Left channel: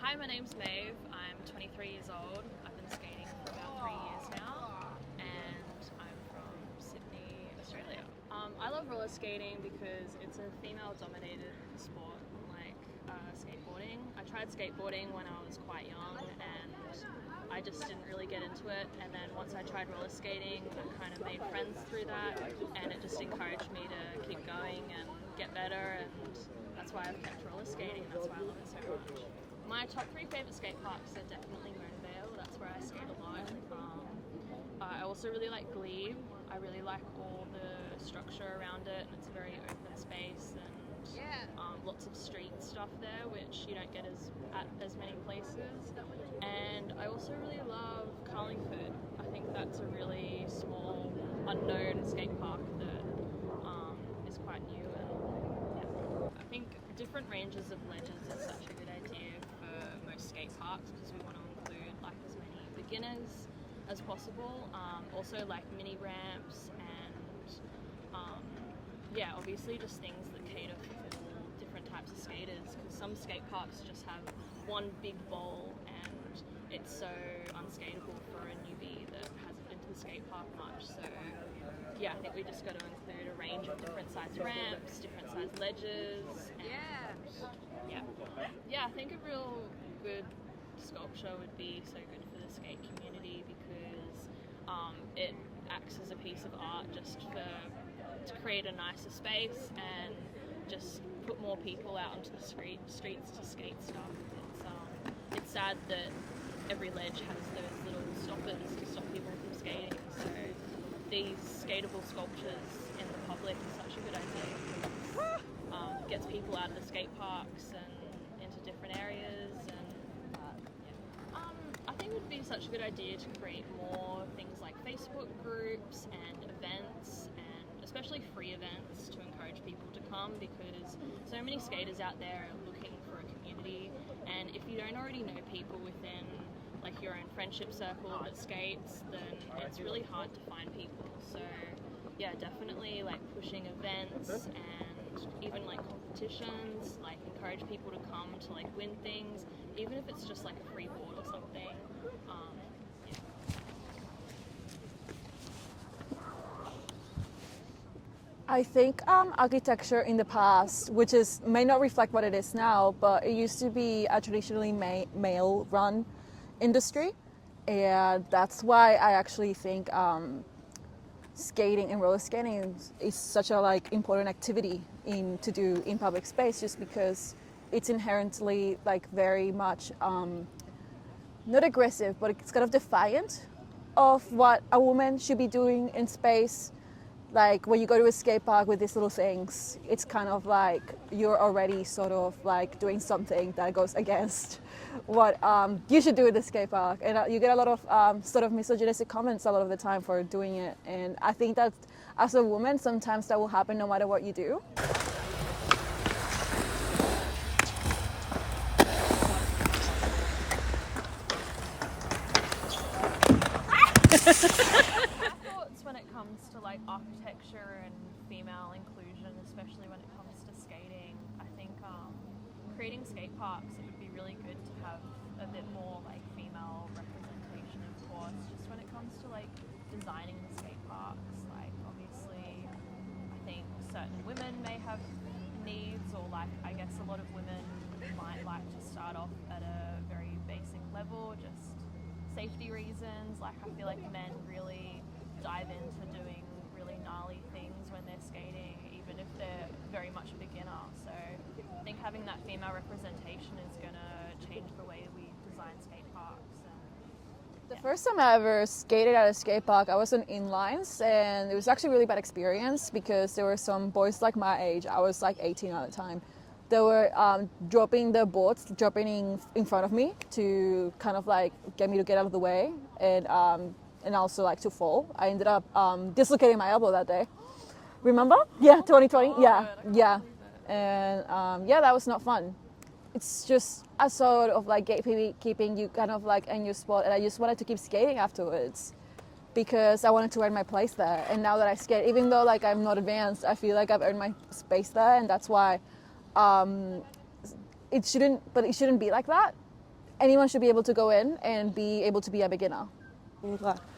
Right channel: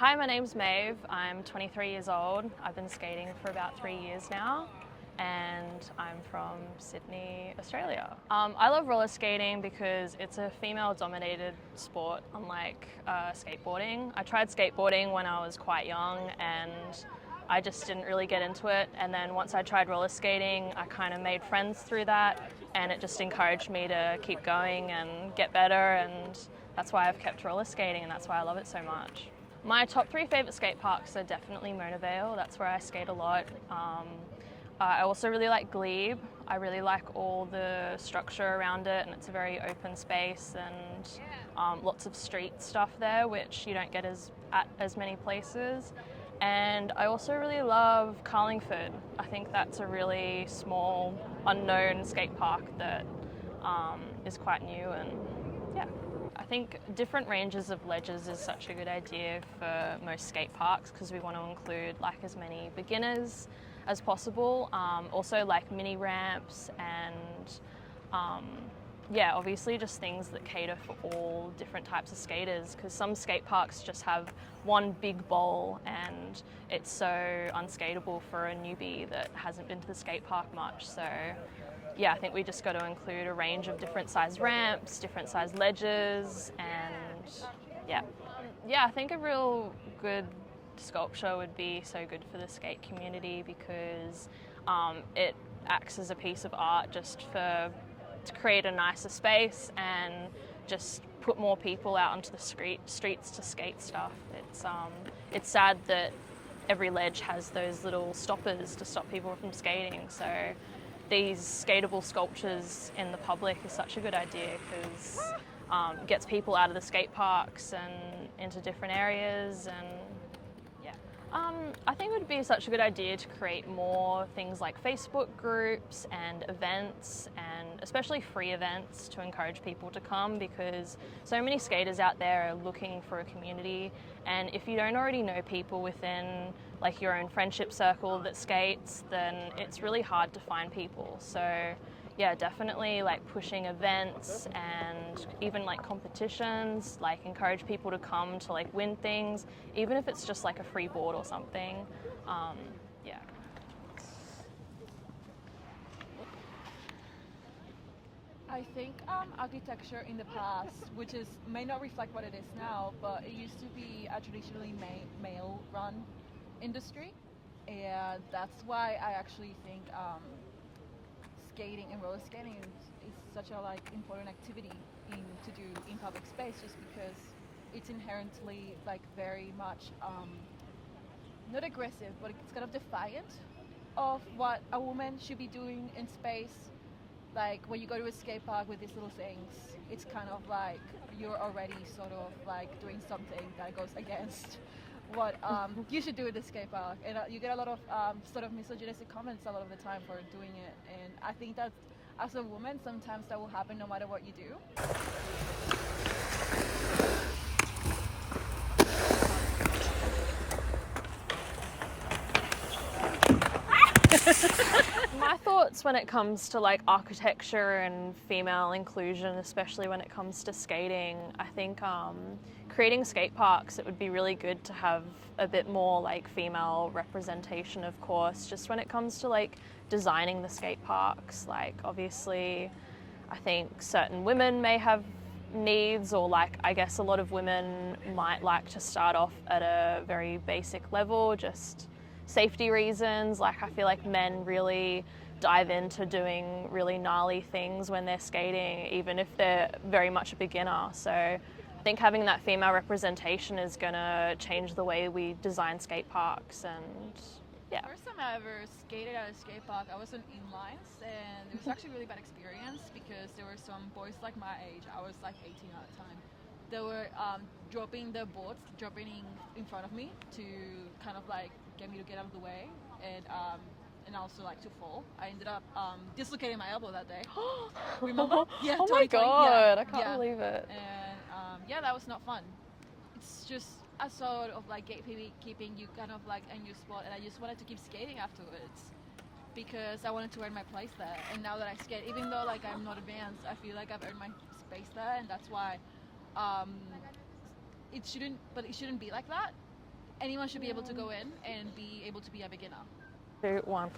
Hi, my name's Maeve. I'm 23 years old. I've been skating for about 3 years now, and I'm from Sydney, Australia. I love roller skating because it's a female-dominated sport, unlike skateboarding. I tried skateboarding when I was quite young, and I just didn't really get into it. And then once I tried roller skating, I kind of made friends through that, and it just encouraged me to keep going and get better, and that's why I've kept roller skating, and that's why I love it so much. My top 3 favourite skate parks are definitely Mona Vale. That's where I skate a lot. I also really like Glebe. I really like all the structure around it, and it's a very open space, and lots of street stuff there, which you don't get at as many places. And I also really love Carlingford. I think that's a really small, unknown skate park that is quite new, and yeah. I think different ranges of ledges is such a good idea for most skate parks because we want to include like as many beginners as possible. Also like mini ramps and obviously just things that cater for all different types of skaters, because some skate parks just have one big bowl and it's so unskateable for a newbie that hasn't been to the skate park much. So yeah, I think we just got to include a range of different size ramps, different size ledges, and yeah, I think a real good sculpture would be so good for the skate community because it acts as a piece of art just to create a nicer space and just put more people out onto the streets to skate stuff. It's sad that every ledge has those little stoppers to stop people from skating, so these skatable sculptures in the public is such a good idea because it gets people out of the skate parks and into different areas. And I think it would be such a good idea to create more things like Facebook groups and events, and especially free events to encourage people to come, because so many skaters out there are looking for a community, and if you don't already know people within like your own friendship circle that skates, then it's really hard to find people. So yeah, definitely like pushing events and even like competitions, like encourage people to come to like win things, even if it's just like a free board or something. Yeah. I think architecture in the past, which may not reflect what it is now, but it used to be a traditionally male-run industry, and that's why I actually think skating and roller skating is such a important activity to do in public space, just because it's inherently very much not aggressive, but it's kind of defiant of what a woman should be doing in space. Like when you go to a skate park with these little things, it's kind of like you're already sort of like doing something that goes against what you should do at the skate park. And you get a lot of sort of misogynistic comments a lot of the time for doing it. And I think that as a woman, sometimes that will happen no matter what you do. My thoughts when it comes to like architecture and female inclusion, especially when it comes to skating, I think creating skate parks, it would be really good to have a bit more like female representation, of course, just when it comes to like designing the skate parks. Like obviously I think certain women may have needs, or like I guess a lot of women might like to start off at a very basic level, just safety reasons. Like I feel like men really dive into doing really gnarly things when they're skating, even if they're very much a beginner. So I think having that female representation is going to change the way we design skate parks. And yeah. The first time I ever skated at a skate park, I was on inlines, and it was actually a really bad experience because there were some boys like my age, I was like 18 at the time, they were dropping their boards, in front of me to kind of like get me to get out of the way, and also like to fall. I ended up dislocating my elbow that day. Remember? Yeah, oh 2020. My God, I can't believe it. And that was not fun. It's just a sort of like keeping you kind of like in your spot, and I just wanted to keep skating afterwards because I wanted to earn my place there. And now that I skate, even though like I'm not advanced, I feel like I've earned my space there, and that's why it shouldn't be like that. anyone should be able to go in and be able to be a beginner. 2, 1.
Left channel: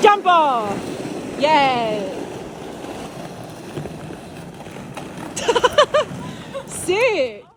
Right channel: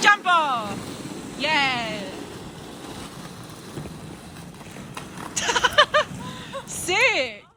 Jump off! Yeah! Sick!